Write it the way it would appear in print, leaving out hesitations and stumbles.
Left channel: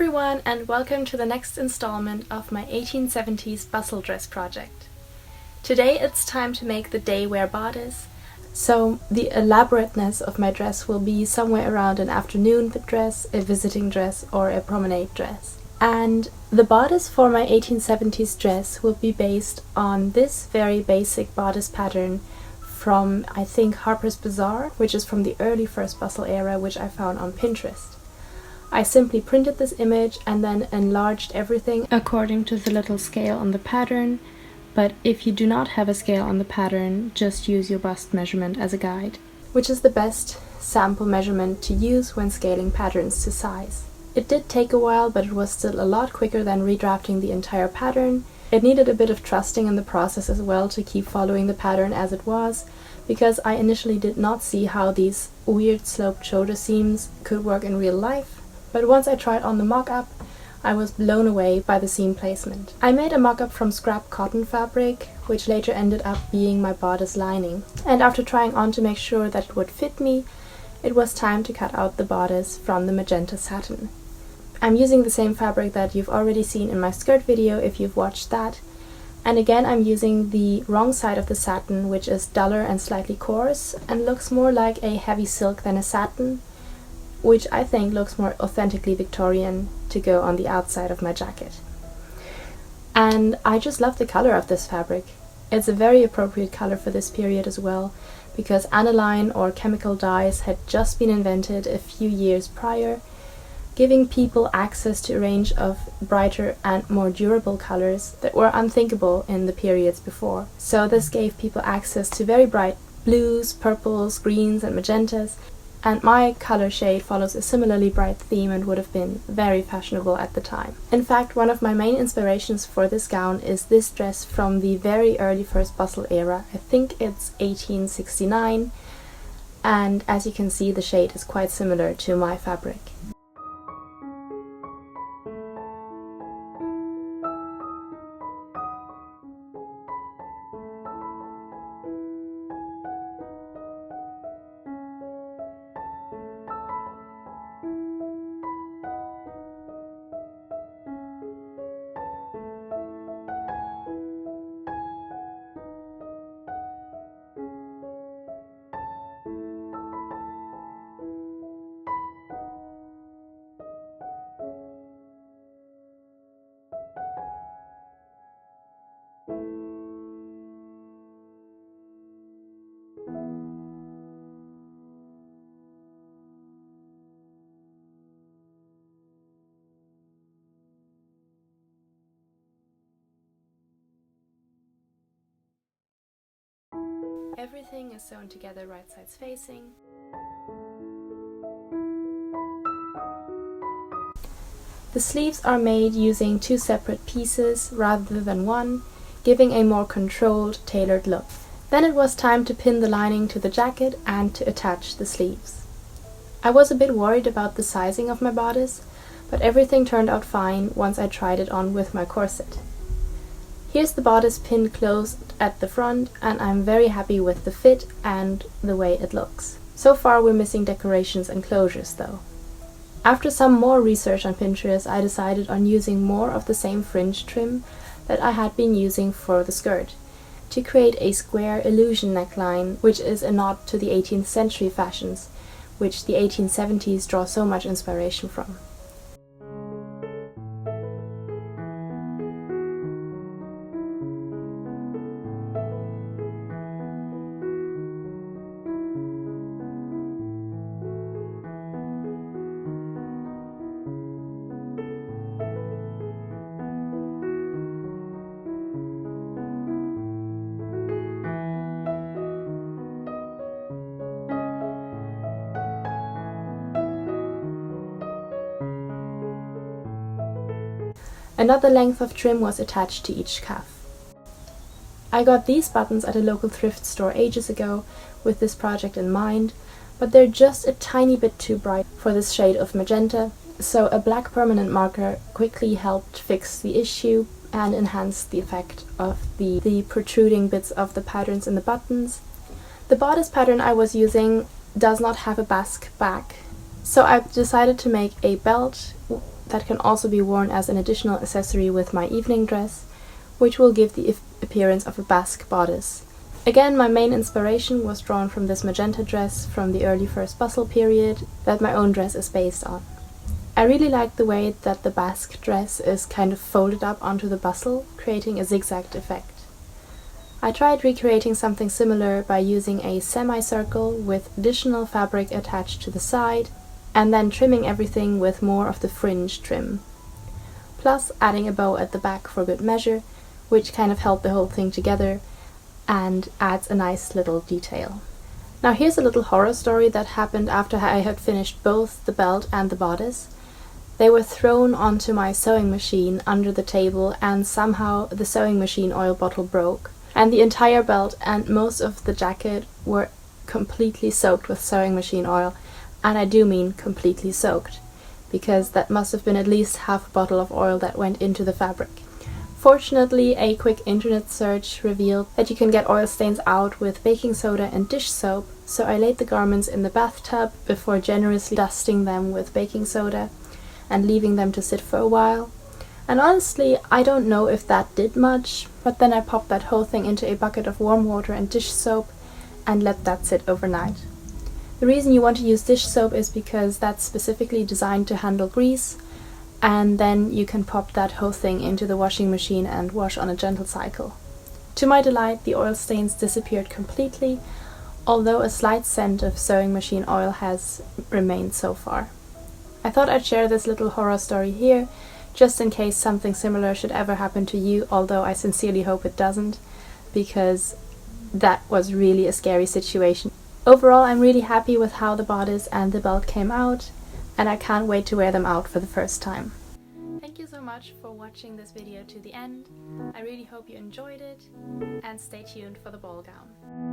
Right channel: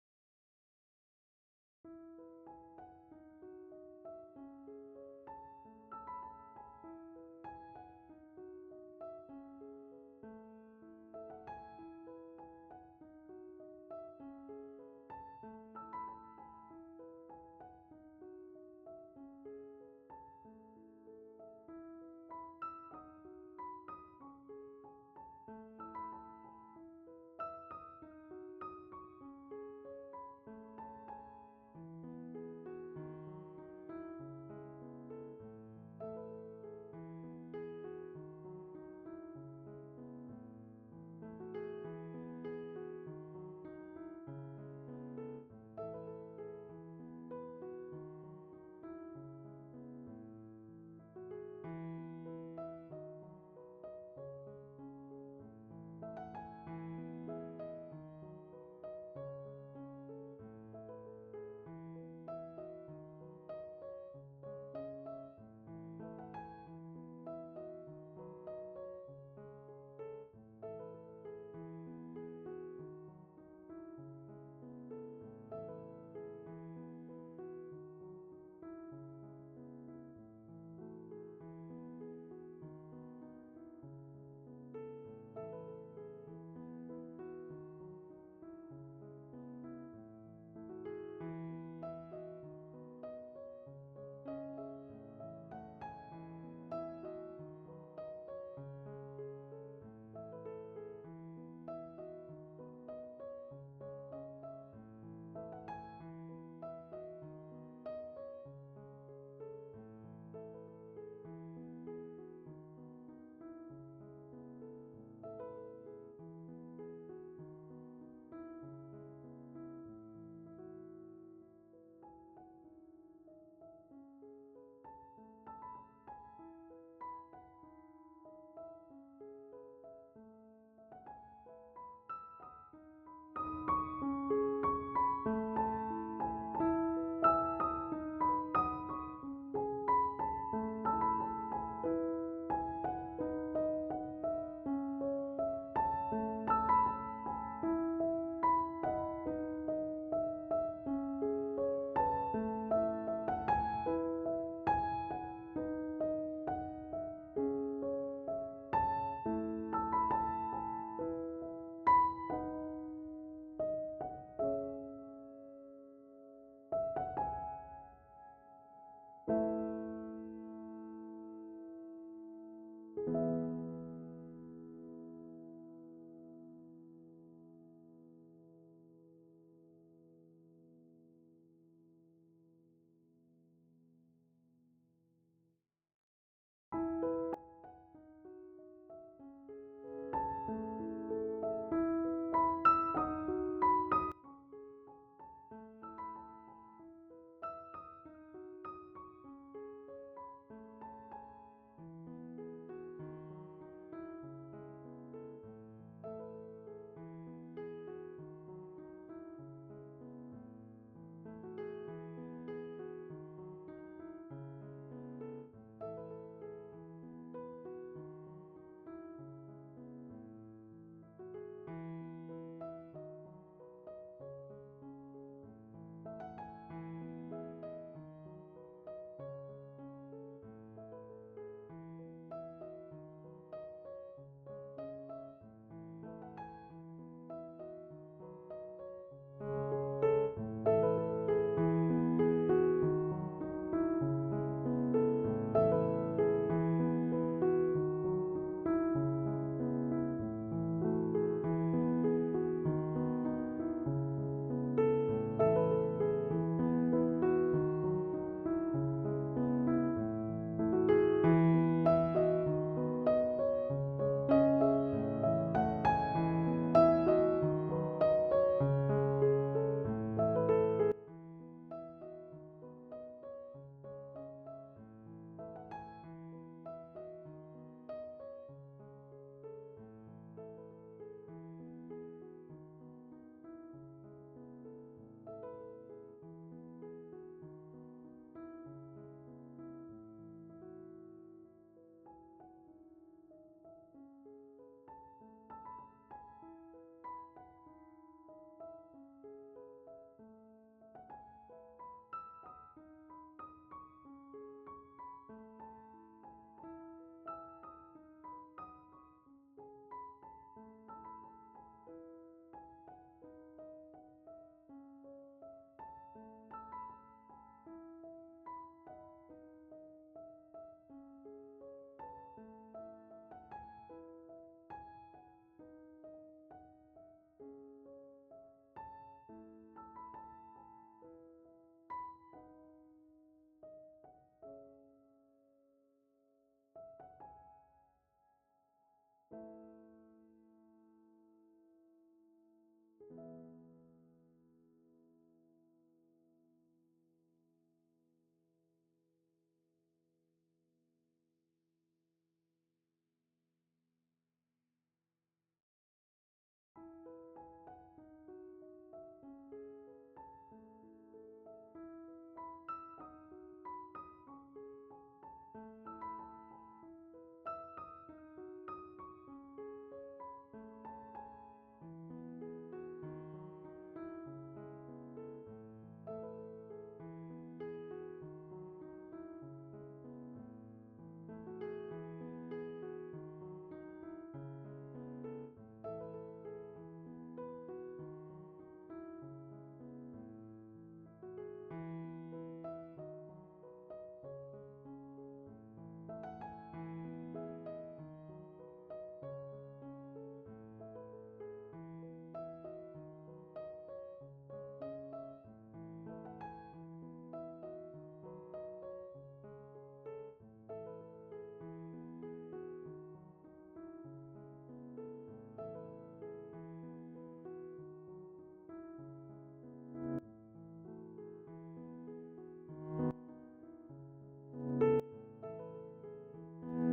everyone, and welcome to the next installment of my 1870s bustle dress project. Today it's time to make the day wear bodice, so the elaborateness of my dress will be somewhere around an afternoon dress, a visiting dress, or a promenade dress. And the bodice for my 1870s dress will be based on this very basic bodice pattern from, I think, Harper's Bazaar, which is from the early first bustle era, which I found on Pinterest. I simply printed this image and then enlarged everything according to the little scale on the pattern, but if you do not have a scale on the pattern, just use your bust measurement as a guide, which is the best sample measurement to use when scaling patterns to size. It did take a while, but it was still a lot quicker than redrafting the entire pattern. It needed a bit of trusting in the process as well to keep following the pattern as it was, because I initially did not see how these weird sloped shoulder seams could work in real life. But once I tried on the mock-up, I was blown away by the seam placement. I made a mock-up from scrap cotton fabric, which later ended up being my bodice lining. And after trying on to make sure that it would fit me, it was time to cut out the bodice from the magenta satin. I'm using the same fabric that you've already seen in my skirt video if you've watched that. And again, I'm using the wrong side of the satin, which is duller and slightly coarse and looks more like a heavy silk than a satin, which I think looks more authentically Victorian to go on the outside of my jacket. And I just love the color of this fabric. It's a very appropriate color for this period as well, because aniline or chemical dyes had just been invented a few years prior, giving people access to a range of brighter and more durable colors that were unthinkable in the periods before. So this gave people access to very bright blues, purples, greens and magentas, and my color shade follows a similarly bright theme and would have been very fashionable at the time. In fact, one of my main inspirations for this gown is this dress from the very early first bustle era. I think it's 1869, and as you can see, the shade is quite similar to my fabric. Everything is sewn together right sides facing. The sleeves are made using two separate pieces rather than one, giving a more controlled, tailored look. Then it was time to pin the lining to the jacket and to attach the sleeves. I was a bit worried about the sizing of my bodice, but everything turned out fine once I tried it on with my corset. Here's the bodice pinned closed at the front, and I'm very happy with the fit and the way it looks. So far we're missing decorations and closures though. After some more research on Pinterest, I decided on using more of the same fringe trim that I had been using for the skirt, to create a square illusion neckline, which is a nod to the 18th century fashions, which the 1870s draw so much inspiration from. Another length of trim was attached to each cuff. I got these buttons at a local thrift store ages ago with this project in mind, but they're just a tiny bit too bright for this shade of magenta, so a black permanent marker quickly helped fix the issue and enhance the effect of the protruding bits of the patterns in the buttons. The bodice pattern I was using does not have a basque back, so I decided to make a belt that can also be worn as an additional accessory with my evening dress, which will give the appearance of a basque bodice. Again, my main inspiration was drawn from this magenta dress from the early first Bustle period that my own dress is based on. I really like the way that the basque dress is kind of folded up onto the bustle, creating a zigzagged effect. I tried recreating something similar by using a semicircle with additional fabric attached to the side, and then trimming everything with more of the fringe trim. Plus adding a bow at the back for good measure, which kind of held the whole thing together and adds a nice little detail. Now here's a little horror story that happened after I had finished both the belt and the bodice. They were thrown onto my sewing machine under the table, and somehow the sewing machine oil bottle broke, and the entire belt and most of the jacket were completely soaked with sewing machine oil, and I do mean completely soaked, because that must have been at least half a bottle of oil that went into the fabric. Fortunately, a quick internet search revealed that you can get oil stains out with baking soda and dish soap, so I laid the garments in the bathtub before generously dusting them with baking soda and leaving them to sit for a while. And honestly, I don't know if that did much, but then I popped that whole thing into a bucket of warm water and dish soap and let that sit overnight. The reason you want to use dish soap is because that's specifically designed to handle grease, and then you can pop that whole thing into the washing machine and wash on a gentle cycle. To my delight, the oil stains disappeared completely, although a slight scent of sewing machine oil has remained so far. I thought I'd share this little horror story here, just in case something similar should ever happen to you, although I sincerely hope it doesn't, because that was really a scary situation. Overall, I'm really happy with how the bodice and the belt came out, and I can't wait to wear them out for the first time. Thank you so much for watching this video to the end. I really hope you enjoyed it, and stay tuned for the ball gown.